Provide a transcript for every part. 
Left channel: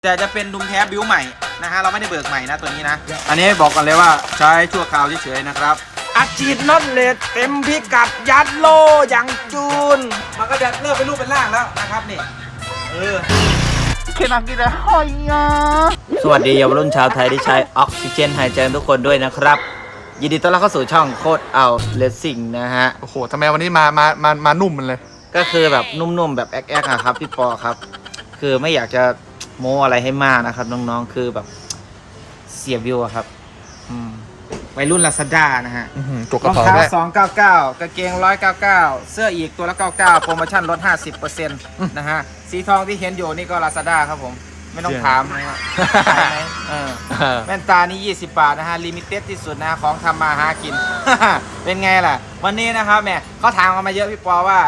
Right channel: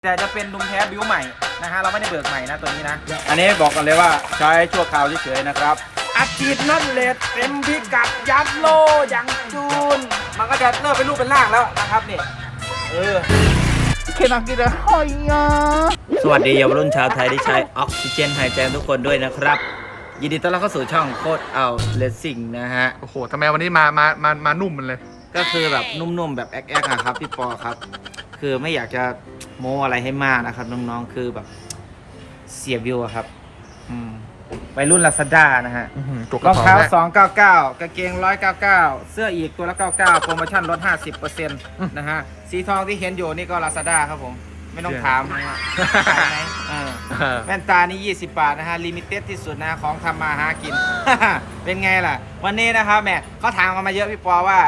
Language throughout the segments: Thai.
แต่จะเป็นดุมแท้บิวใหม่นะฮะเราไม่ได้เบิกใหม่นะตัวนี้นะอันนี้บอกกันเลยว่าใช้ชั่วคราวเฉยๆนะครับอัดฉีดน็อตเลสเต็มพิกัดยัดโลอย่างจูนมันก็จะเริ่มเป็นรูปเป็นร่างแล้วนะครับนี่เคนักกีฬาหอยสวัสดีเยาวรุ่นชาวไทยที่ใช้ออกซิเจนหายใจทุกคนด้วยนะครับยินดีต้อนรับเข้าสู่ช่องโคตรเอาเลสซิ่งนะฮะโอ้โหทำไมวันนี้มานุ่มมันเลยก็คือแบบนุ่มๆแบบแอ๊กๆครับพี่ปอครับคือไม่อยากจะโม้อะไรให้มากนะครับน้องๆคือแบบเสียวิวครับไปรุ่น Lazada นะฮะรองเท้า299กางเกง199เสื้ออีกตัวละ99โปรโมชั่นลด 50% นะฮะสีทองที่เห็นอยู่นี่ก็ Lazada ครับผมไม่ต้องถามนะฮะขายไหมแว่นตานี่20 บาทนะฮะลิมิเต็ดที่สุดนะของทำมาหากิน เป็นไงล่ะวันนี้นะครับแม่เขาถามกันมาเยอะพี่ปอว่า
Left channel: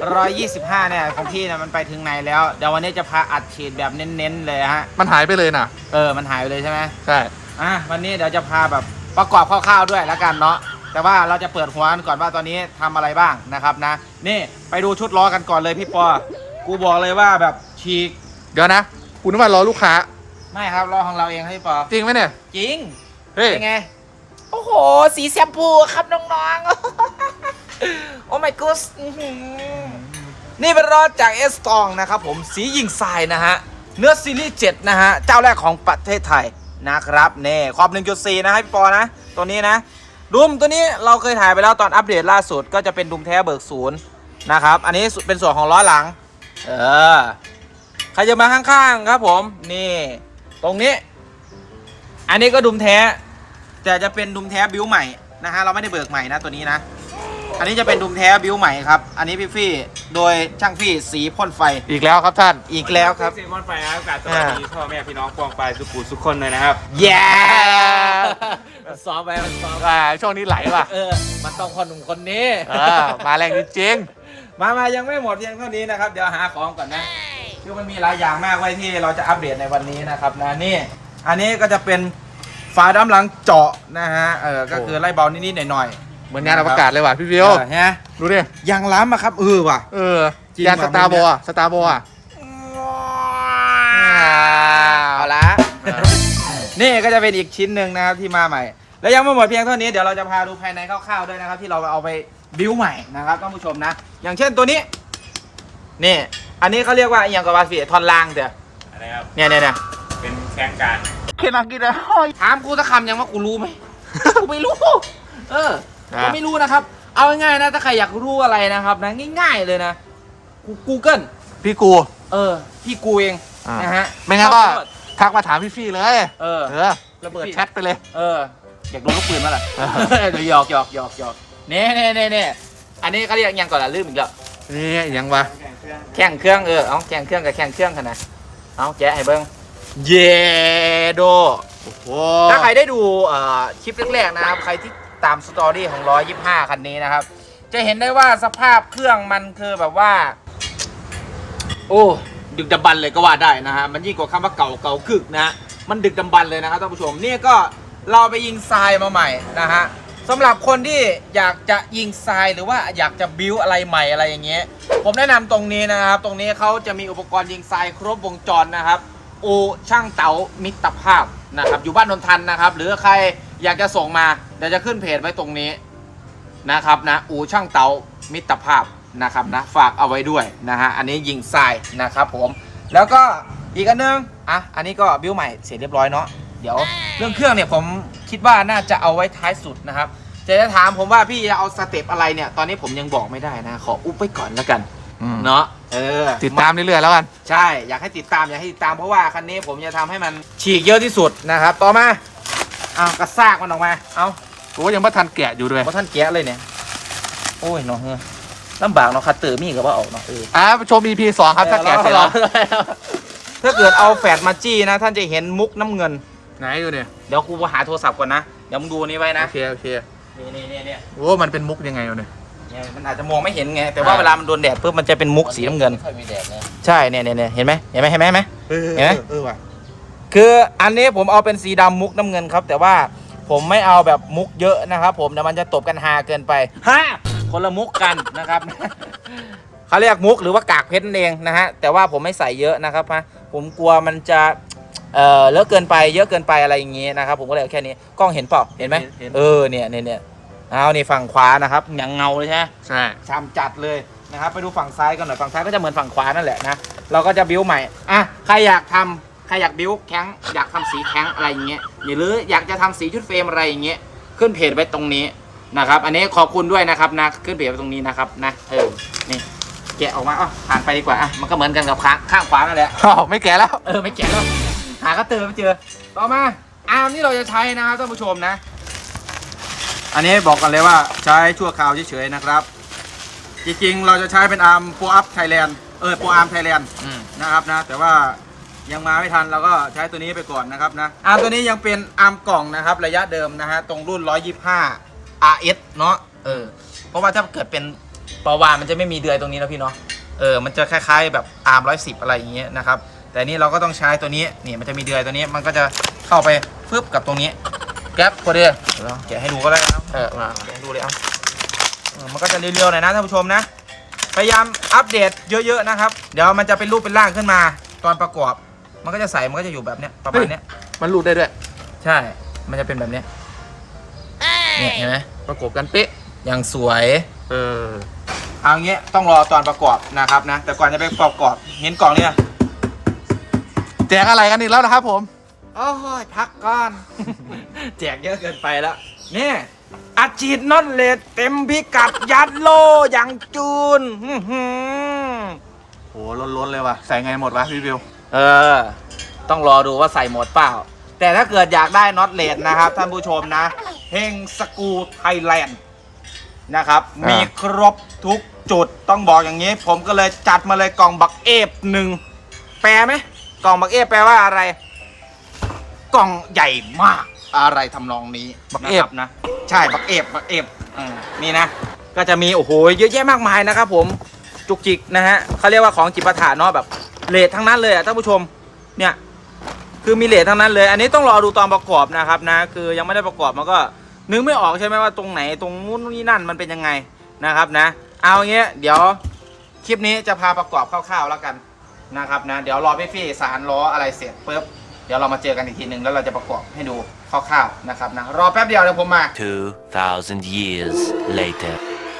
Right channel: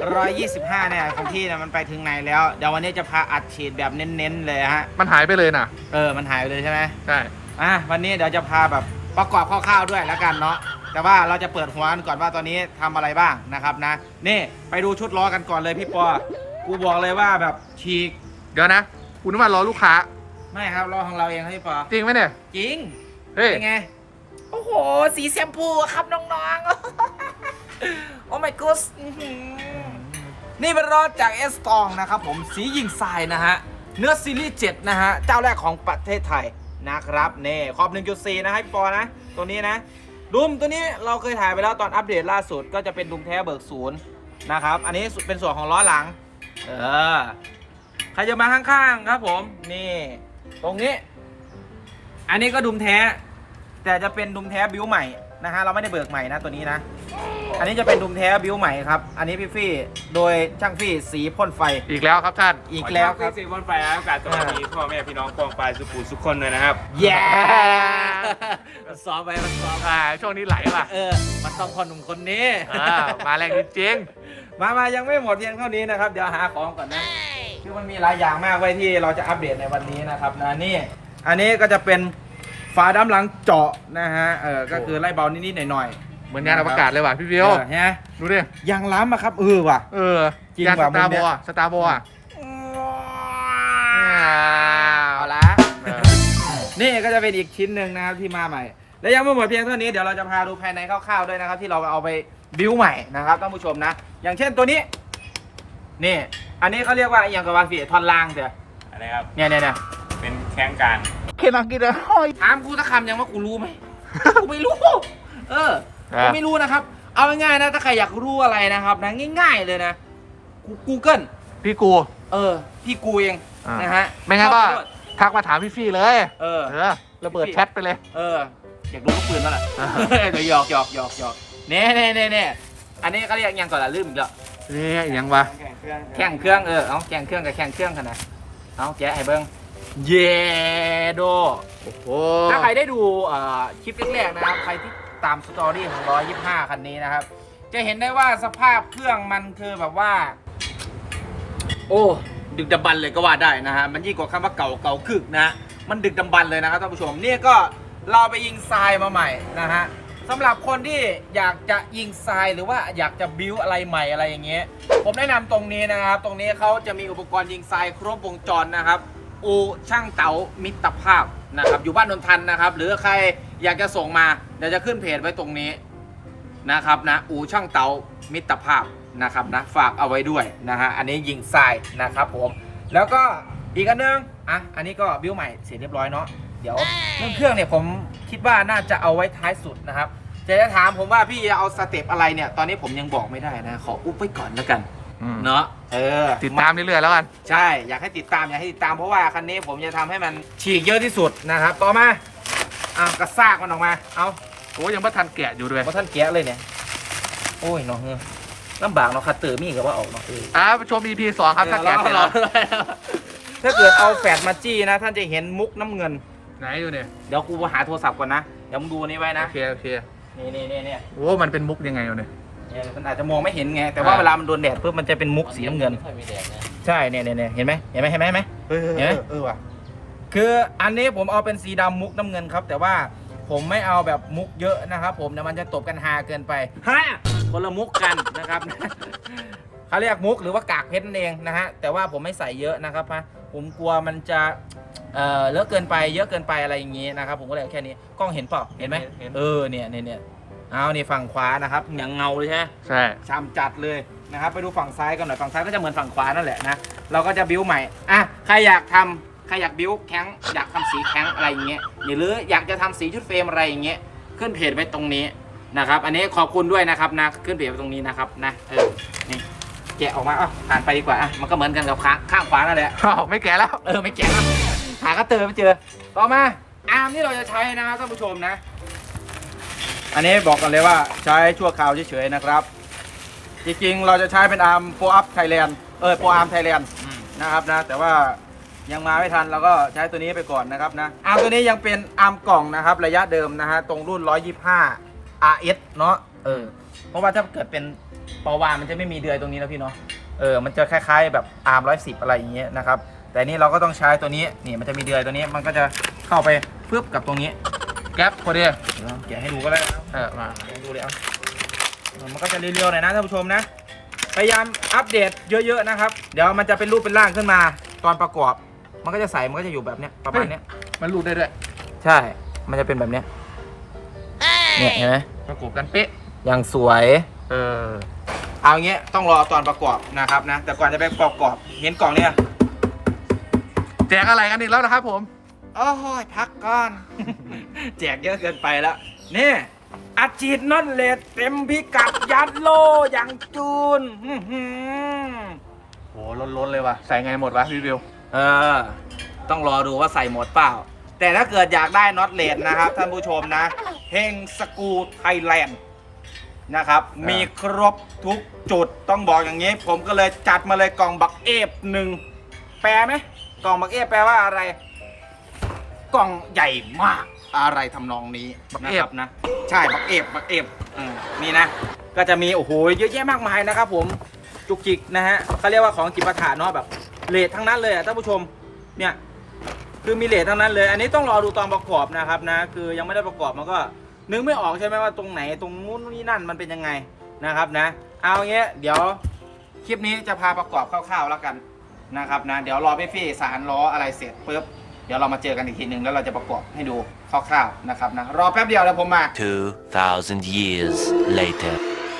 125เนี่ยของพี่เนี่ยมันไปถึงไหนแล้วเดี๋ยววันนี้จะพาอัดฉีดแบบเน้นๆเลยฮะมันหายไปเลยนะมันหายไปเลยใช่ไหมใช่วันนี้เดี๋ยวจะพาแบบประกอบคร่าวๆด้วยแล้วกันเนาะแต่ว่าเราจะเปิดหัวกันก่อนว่าตอนนี้ทำอะไรบ้างนะครับนะนี่ไปดูชุดล้อกันก่อนเลยพี่ปอกูบอกเลยว่าแบบฉีกเดี๋ยวนะคุณนึกว่ารอลูกค้าไม่ครับล้อของเราเองพี่ปอจริงไหมเนี่ยจริงเฮ้ยเป็นไงโอ้โหสีแชมพูครับน้องๆโอ้ my god นี่เป็นล้อจากเอสตองนะครับผมสียิงทรายนะฮะเนื้อซีรีส์7นะฮะเจ้าแรกของประเทศไทยนะครับนี่ความ 1.4 นะให้พี่ปอนะตัวนี้นะดุมตัวนี้เราเคยถ่ายไปแล้วตอนอัปเดตล่าสุดก็จะเป็นดุมแท้เบิกศูนย์นะครับอันนี้เป็นส่วนของล้อหลังใครจะมาข้างๆครับผมนี่ตรงนี้อันนี้ก็ดุมแท้แต่จะเป็นดุมแท้บิวใหม่นะฮะเราไม่ได้เบิกใหม่นะตัวนี้นะอันนี้จะเป็นดุมแท้บิวใหม่ครับอันนี้พี่ฟี่โดยช่างฟี่สีพ่นไฟอีกแล้วครับท่านอีกแล้วครับสีพ่นไฟครับกาสวัสดีพ่อแม่พี่น้องปองปลายสุขุมทุกคนเลยนะครับแย่ซ้อมไปมันซ้อมช่วงนี้ไหลว่ะมันต้องคนหนุ่มคนนี้มาแรงจริงมายังไม่หมดเพียงเท่านี้นะครับเดี๋ยวหาของก่อนนะคือมันมีหลายอย่างมากไว้ที่เราจะอัปเดตในวันนี้นะครับนะนี่อันนี้ก็จะเป็นฝาดำหลังเจาะนะฮะก็คือไล่เบานิดๆหน่อยๆเหมือนงานอวกาศเลยว่ะพี่วิวฮะดูดิยางล้ำอะครับว่ะยางสตาร์บอลเอาละนี่ก็จะเป็นอีกชิ้นหนึ่งนะครับที่มาใหม่แล้วยังไม่หมดเพียงเท่านี้เดี๋ยวเราจะพาดูภายในคร่าวๆด้วยนะครับที่เราเอาไปบิวใหม่นะครับท่านผู้ชมนะอย่างเช่นตัวนี้นี่อันนี้เขาเรียกว่าอย่างกับว่าฝีทอนล่างเดี๋ยวอะไรครับเนี่ยเป็นแข่งการเคนักกีฬาถามกูสักคำยังว่ากูรู้ไหมกูไม่รู้กูไม่รู้นะครับเอาง่ายๆนะถ้าใครอยากรู้อะไรนะครับนะง่ายๆเลยนะGoogle พี่กูพี่กูเองนะฮะไม่งั้นก็ทักมาถามพี่ฟี่เลยระเบิดแชทไปเลยอยากดูลูกปืนมั้ยล่ะเดี๋ยวหยอกเน่อันนี้เขาเรียกยังก่อนละลืมอีกแล้วนี่ยังวะแข่งเครื่องเอาแข่งเครื่องกับแข่งเครื่องกันนะเอาแกะให้เบิ้งเยโดโอ้โหถ้าใครได้ดูคลิปแรกๆนะครับใครที่ตามสตอรี่ของ125คันนี้นะครับจะเห็นได้ว่าสภาพเครื่องมันคือแบบว่าดึกดำบรรพ์เลยก็ว่าได้นะฮะมันยิ่งกว่าคำว่าเก่าคึกนะมันดึกดำบรรพ์เลยนะครับท่านผู้ชมนี่ก็เราไปยิงทรายมาใหม่นะฮะสำหรับคนที่อยากจะยิงทรายหรือว่าอยากจะบิวอะไรใหม่อะไรอย่างเงี้ยผมแนะนำตรงนี้นะครับตรงนี้เขาจะมีอุปกรณ์ยิงทรายครบวงจรนะครับช่างเต๋ามิตรภาพนะครับอยู่บ้านนนทันนะครับหรือใครอยากจะส่งมาเดี๋ยวจะขึ้นเพจไว้ตรงนี้นะครับนะช่างเต๋ามิตรภาพนะครับนะฝากเอาไว้ด้วยนะฮะอันนี้ยิงทรายนะครับผมแล้วก็อีกอันนึงอันนี้ก็บิวใหม่เสร็จเรียบร้อยเนาะเดี๋ยวเรื่องเครื่องเนี่ยผมคิดว่าน่าจะเอาไว้ท้ายสุดนะครับจะถามผมว่าพี่จะเอาสเต็ปอะไรเนี่ยตอนนี้ผมยังบอกไม่ได้นะขออุ๊บไว้ก่อนแล้วกันเนาะติดตามเรื่อยๆแล้วกันใช่อยากให้ติดตามเพราะว่าคันนี้ผมจะทำให้มันฉีกเยอะที่สุดนะครับต่อมากระซากมันออกมายังไม่ทันแกะอยู่ด้วยท่านแกะเลยเนี่ยโอ้ยน้องลำบากเนาะคัตเตอร์มีกับว่าออกเนาะชม EP 2ครับถ้าแกะเสร็จแล้วถ้าเกิดเอาแฟดมาจี้นะท่านจะเห็นมุกน้ำเงินไหนอยู่เนี่ยเดี๋ยวกูหาโทรศัพท์ก่อนนะเดี๋ยวมึงดูนี่ไว้นะโอเคนี่มันเป็นมุกยังไงเนี่ยมันอาจจะมองไม่เห็นไงแต่ว่าเวลามันโดนแดดเพิ่มมันจะเป็นมุกสีน้ำเงินใช่เนี่ยเห็นไหมว่ะคืออันนี้ผมเอาเป็นสีดำมุกน้ำเงินครับแต่ว่าผมไม่เอาแบบมุกเยอะนะครับผมเดี๋ยวมันจะตบกันฮาเกินไปคนละมุกกันนะครับเขาเรียกมุกหรือว่ากากเพชรนั่นเองนะฮะแต่ว่าผมไม่ใส่เยอะนะครับผมกลัวมันจะเยอะเกินไปเยอะเกินไปอะไรอย่างงี้นะครับผมก็เลยเอาแค่นี้กล้องเห็นเปล่าเห็นไหมเนี่ยเอานี่ฝั่งขวานะครับอย่างเงาเลยใช่ไหมใช่ซ้ำจัดเลยนะครับไปดูฝั่งซ้ายกันหน่อยฝั่งซ้ายก็จะเหมือนฝั่งขวานั่นแหละนะเราก็จะบิ้วใหม่อ่ะใครอยากบิ้วแข้งอยากทำสีแข้งอะไรอย่างเงี้ยหรืออยากจะทำสีชุดเฟรมอะไรอย่างเงี้ยขึ้นเพจไว้ตรงนี้นะครับอันนี้ขอบคุณด้วยนะครับนะขึ้นเพจไว้ตรงนี้นะครับนะนี่แกะออกมาผ่านไปดีกว่ามันก็เหมือนกันกับข้างขวานั่นแหละไม่แก่แล้วไม่แกะแล้วหากระเตอไม่เจอต่อมาอาร์มที่เราจะใช้นะครับท่านผู้ชมนะอันนี้บอกกันเลยว่าใช้ชั่วคราวเฉยๆนะครับจริงๆเราจะใช้เป็นอาร์มโปรอัพไทยแลนด์โปรอาร์มไทยแลนด์นะครับนะแต่ว่ายังมาไม่ทันเราก็ใช้ตัวนี้ไปก่อนนะครับนะอาร์มตัวนี้ยังเป็นอาร์มกล่องนะครับระยะเดิมนะฮะตรงรุ่น125 RS เนาะเพราะว่าถ้าเกิดเป็นปวานมันจะไม่มีเดือยตรงนี้นะพี่เนาะมันจะคล้ายๆแบบอาร์ม110อะไรอย่างเงี้ยนะครับแต่นี่เราก็ต้องใช้ตัวนี้นี่มันจะมีเดือยตัวนี้มันก็จะเข้าไปฟึบกับตรงนี้แก๊ปพอดีแกะให้ดูก็ได้นะมาแกะให้ดูเลยมันก็จะเรียวๆหน่อยนะท่านผู้ชมนะพยายามอัปเดตเยอะๆนะครับเดี๋ยวมันจะเป็นรูปเป็นร่างขึ้นมาตอนประกอบมันก็จะใส่มันก็จะอยู่แบบเนี้ยประมาณเนี้ยมันรูดได้ด้วยใช่มันจะเป็นแบบเนี้ยเนี่ยเห็นไหมประกบกันเป๊ะอย่างสวยเอางี้ต้องรอตอนประกอบนะครับนะแต่ก่อนจะไปประกอบเห็นกล่องเนี่ยแจกอะไรกันอีกแล้วนะครับผมโอ้ยพักก่อน แจกเยอะเกินไปแล้วนี่อัดฉีดน็อตเลสเต็มพิกัดยัดโลอย่างจูนโหล้นเลยว่ะใส่ไงหมดวะพี่วิวต้องรอดูว่าใส่หมดเปล่าแต่ถ้าเกิดอยากได้น็อตเลสนะครับท่านผู้ชมนะเฮงสกูไทยแลนด์นะครับมีครบทุกจุดต้องบอกอย่างนี้ผมก็เลยจัดมาเลยกล่องบักเอฟหนึ่งแปลไหมกล่องบักเอฟแปลว่าอะไรกล่องใหญ่มากอะไรทำนองนี้บักเอฟนะใช่บักเอฟนี่นะก็จะมีโอ้โหเยอะแยะมากมายนะครับผมจุกจิกนะฮะเขาเรียกว่าของจิปาถะเนาะแบบเลททั้งนั้นเลยท่านผู้ชมเนี่ยคือมีเลททั้งนั้นเลยอันนี้ต้องรอดูตอนประกอบนะครับนะคือยังไม่ได้ประกอบมันก็นึกไม่ออกใช่ไหมว่าตรงไหนตรงนู้นนี่นั่นมันเป็นยังไงนะครับนะเอาอย่างเงี้ยเดี๋ยวคลิปนี้จะพาประกอบคร่าวๆแล้วกันนะครับนะเดี๋ยวรอพี่ฟี่สารล้ออะไรเสร็จปุ๊บเดี๋ยวเรามาเจอกันอีกทีหนึ่งแล้วเราจะประกอบให้ดูคร่าวๆนะครับนะรอแป๊บเดียวเดี๋ยวผมมา 2,000 years later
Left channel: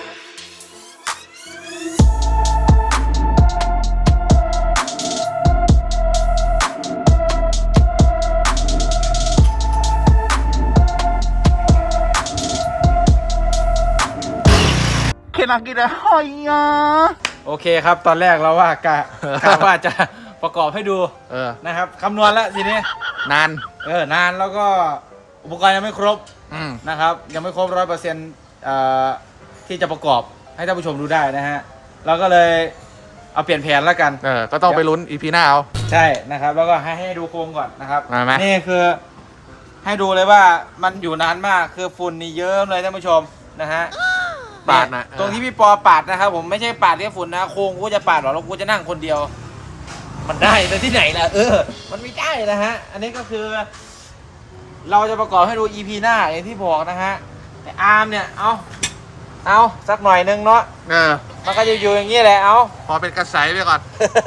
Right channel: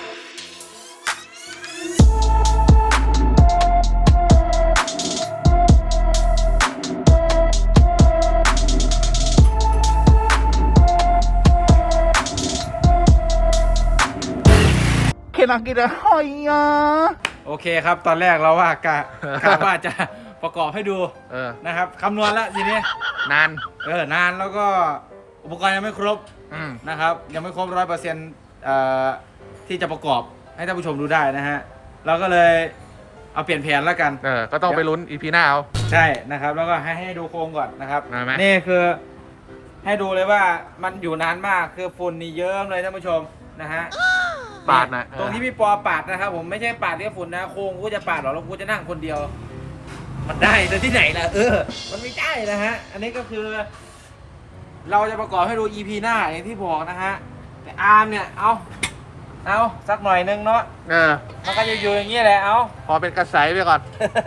โอเคครับตอนแรกเราว่ากะว่าจะประกอบให้ดูนะครับคำนวณแล้วทีนี้นานแล้วก็อุปกรณ์ยังไม่ครบนะครับยังไม่ครบ100%ที่จะประกอบให้ท่านผู้ชมดูได้นะฮะเราก็เลยเอาเปลี่ยนแผนแล้วกันก็ต้องไปลุ้น EP หน้าเอาใช่นะครับแล้วก็ให้ดูโครงก่อนนะครับนี่คือให้ดูเลยว่ามันอยู่นานมากคือฝุ่นนี่เยอะเลยท่านผู้ชมนะฮะปาดนะตรงที่พี่ปอปาดนะครับผมไม่ใช่ปาดแค่ฝุ่นนะโค้งกูจะปาดหรอแล้วกูจะนั่งคนเดียวมันได้แต่ที่ไหนล่ะมันไม่ได้นะฮะอันนี้ก็คือเราจะประกอบให้ดู EP หน้าอย่างที่บอกนะฮะแต่อาร์มเนี่ยเอาสักหน่อยนึงเนาะมันก็จะอยู่อย่างนี้แหละเอาพอเป็นกระแสไปก่อน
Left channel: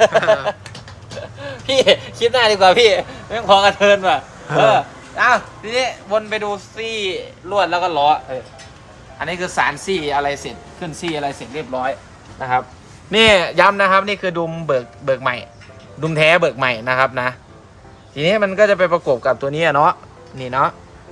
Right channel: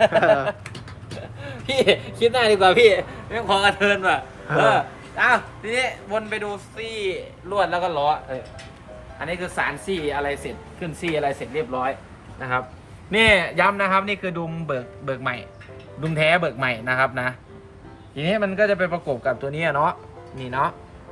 พี่คิดหน้าดีกว่าพี่ไม่พอกระเทินว่ะทีนี้วนไปดูซี่ลวดแล้วก็ล้ออันนี้คือสารซี่อะไรเสร็จขึ้นซี่อะไรเสร็จเรียบร้อยนะครับนี่ย้ำนะครับนี่คือดุมเบิกใหม่ดุมแท้เบิกใหม่นะครับนะทีนี้มันก็จะไปประกบกับตัวนี้เนาะนี่เนาะ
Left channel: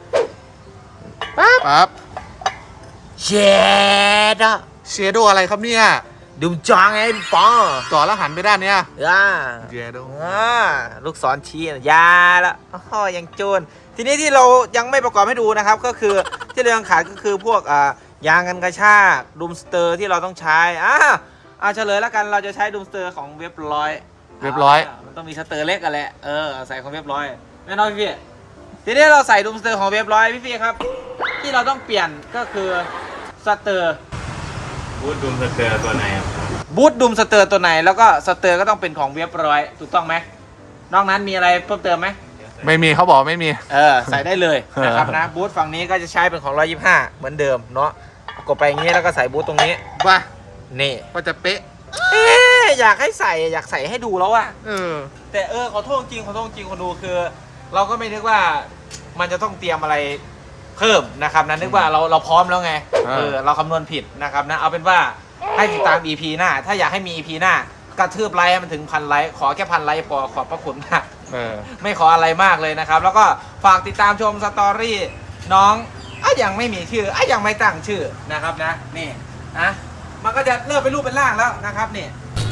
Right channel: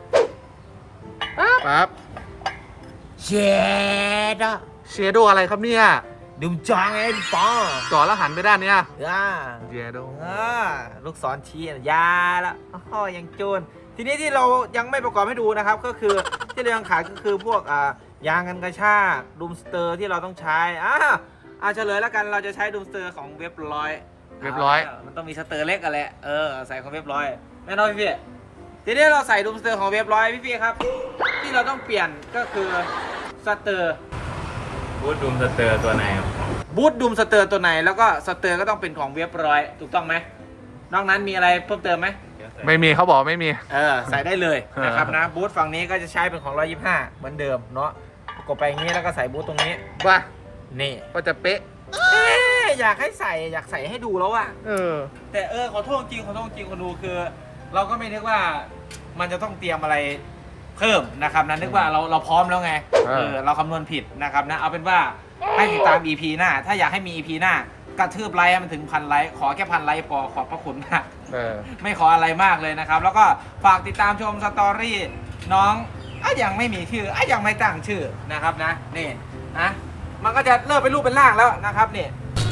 ปั๊บเชโดอะไรครับเนี่ยดุมจางไงปอจ่อแล้วหันไปด้านเนี้ยเชโดลูกศรชี้ยาแล้วยังโจนทีนี้ที่เรายังไม่ประกอบให้ดูนะครับก็คือที่เรายังขายก็คือพวกยางกันกระชากดูมสเตอร์ที่เราต้องใช้เฉลยแล้วกันเราจะใช้ดูมสเตอร์ของเว็บร้อยมันต้องมีสเตอร์เล็กกันแหละใส่ของเว็บร้อยแน่นอนพี่ทีนี้เราใส่ดูมสเตอร์ของเว็บร้อยพี่ครับที่เราต้องเปลี่ยนก็คือสเตอร์บูทดูมสเตอร์ตัวไหนครับบูทดูมสเตอร์ตัวไหนแล้วก็สเตอร์ก็ต้องเป็นของเว็บร้อยถูกต้องไหมนอกนั้นมีอะไรเพิ่มเติมไหมไม่มีเขาบอกไม่มีใส่ได้เลยนะครับนะบูทฝั่งนี้ก็จะใช้เป็นของ125เหมือนเดิมเนาะกดไปอย่างนี้แล้วก็ใส่บูทตรงนี้ว่านี่ก็จะเป๊ะอยากให้ใส่อยากใส่ให้ดูแล้วอะ แต่ขอโทษจริงคนดูคือ เราก็ไม่นึกว่ามันจะต้องเตรียมอะไรเพิ่มนะครับนะนึกว่าเราพร้อมแล้วไงเราคำนวณผิดนะครับนะเอาเป็นว่าให้ติดตาม EP หน้าถ้าอยากให้มี EP หน้ากระทืบไลค์ให้มันถึง1,000 ไลค์ขอแค่1,000 ไลค์พอขอบพระคุณมากไม่ขออะไรมากเลยนะครับแล้วก็ฝากติดตามชมสตอรี่น้องยังไม่มีชื่อยังไม่ตั้งชื่อนะครับนะนี่นะมันก็จะเริ่มเป็นรูปเป็นร่างแล้วนะครับนี่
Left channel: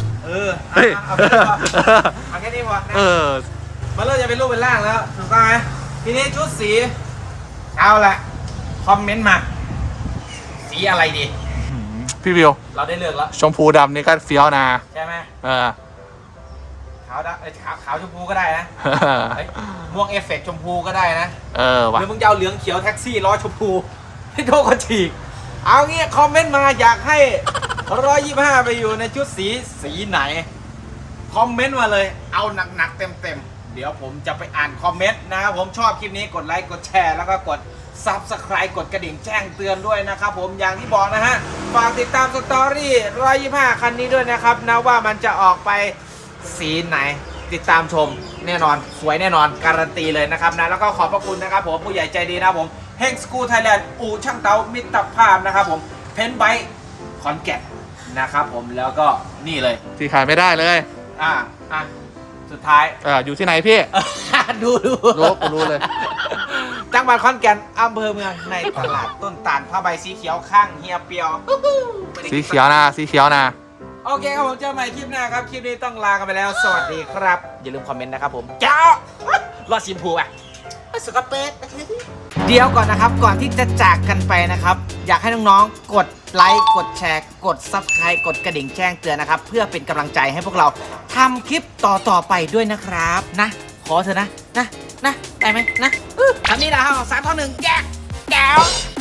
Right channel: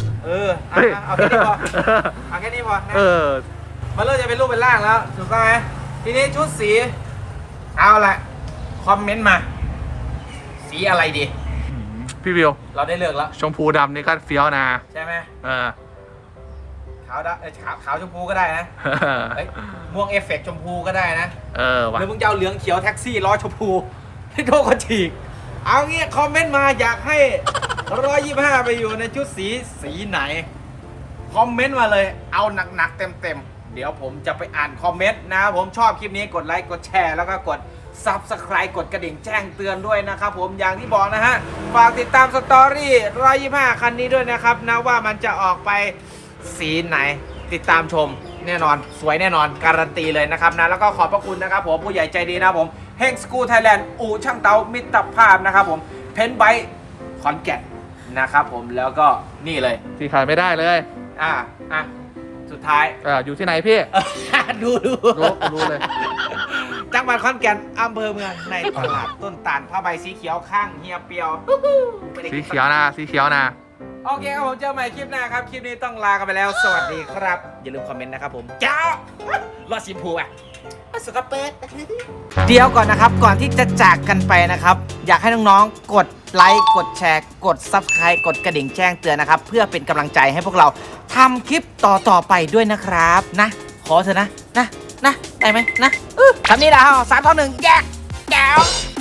เอาแค่นี้พอนะมันเริ่มจะเป็นรูปเป็นร่างแล้วถูกต้องไหมทีนี้ชุดสีเอาละคอมเมนต์มาสีอะไรดีพี่วิวเราได้เลือกแล้วชมพูดำนี่ก็เฟี้ยวนะใช่ไหมเออขาวดำขาวชมพูก็ได้นะม่วงเอฟเฟกต์ชมพูก็ได้นะว่ะหรือมึงจะเอาเหลืองเขียวแท็กซี่ล้อชมพูให้โดนก็ฉีกเอางี้คอมเมนต์มาอยากให้125ไปอยู่ในชุดสีไหนคอมเมนต์มาเลยเอาหนักๆเต็มเดี๋ยวผมจะไปอ่านคอมเมนต์นะครับผมชอบคลิปนี้กดไลค์กดแชร์แล้วก็กด Subscribe กดกระดิ่งแจ้งเตือนด้วยนะครับผมอย่างที่บอกนะฮะฝากติดตามสตอรี่125คันนี้ด้วยนะครับนะว่ามันจะออกไปสีไหนติดตามชมแน่นอนสวยแน่นอนการันตีเลยนะครับนะแล้วก็ขอบพระคุณนะครับผมผู้ใหญ่ใจดีนะครับผมเฮงสกูไทยแลนด์อู่ช่างเตามิตรภาพนะครับผมเพนไบค์ขอนแก่นนะครับผมแล้วก็นี่เลยที่ขายไม่ได้เลยสุดท้ายอยู่ที่ไหนพี่ดูรู้เลยจังหวัดขอนแก่นอำเภอเมืองในตลาดต้นตาลผ้าใบสีเขียวข้างเฮียเปียวสีเขียวนะโอเคครับผมเจอกันใหม่คลิปหน้าครับ คลิปนี้ต้องลากันไปแล้ว สวัสดีครับ อย่าลืมคอมเมนต์นะครับผมเจ้ารอดชิมพูอ่ะสกปรกเดี๋ยวก่อนนะครับ ก่อนที่จะจากกันไปนะครับ อยากให้น้องๆ กดไลค์ กดแชร์ กด Subscribe กดกระดิ่งแจ้งเตือนนะครับ เพื่อเป็นกำลังใจให้พวกเราทำคลิปต่อๆไปด้วยนะครับนะ ขอเถอะนะได้ไหมนะคำนี้นะฮะ3 2 1แยกแก้ว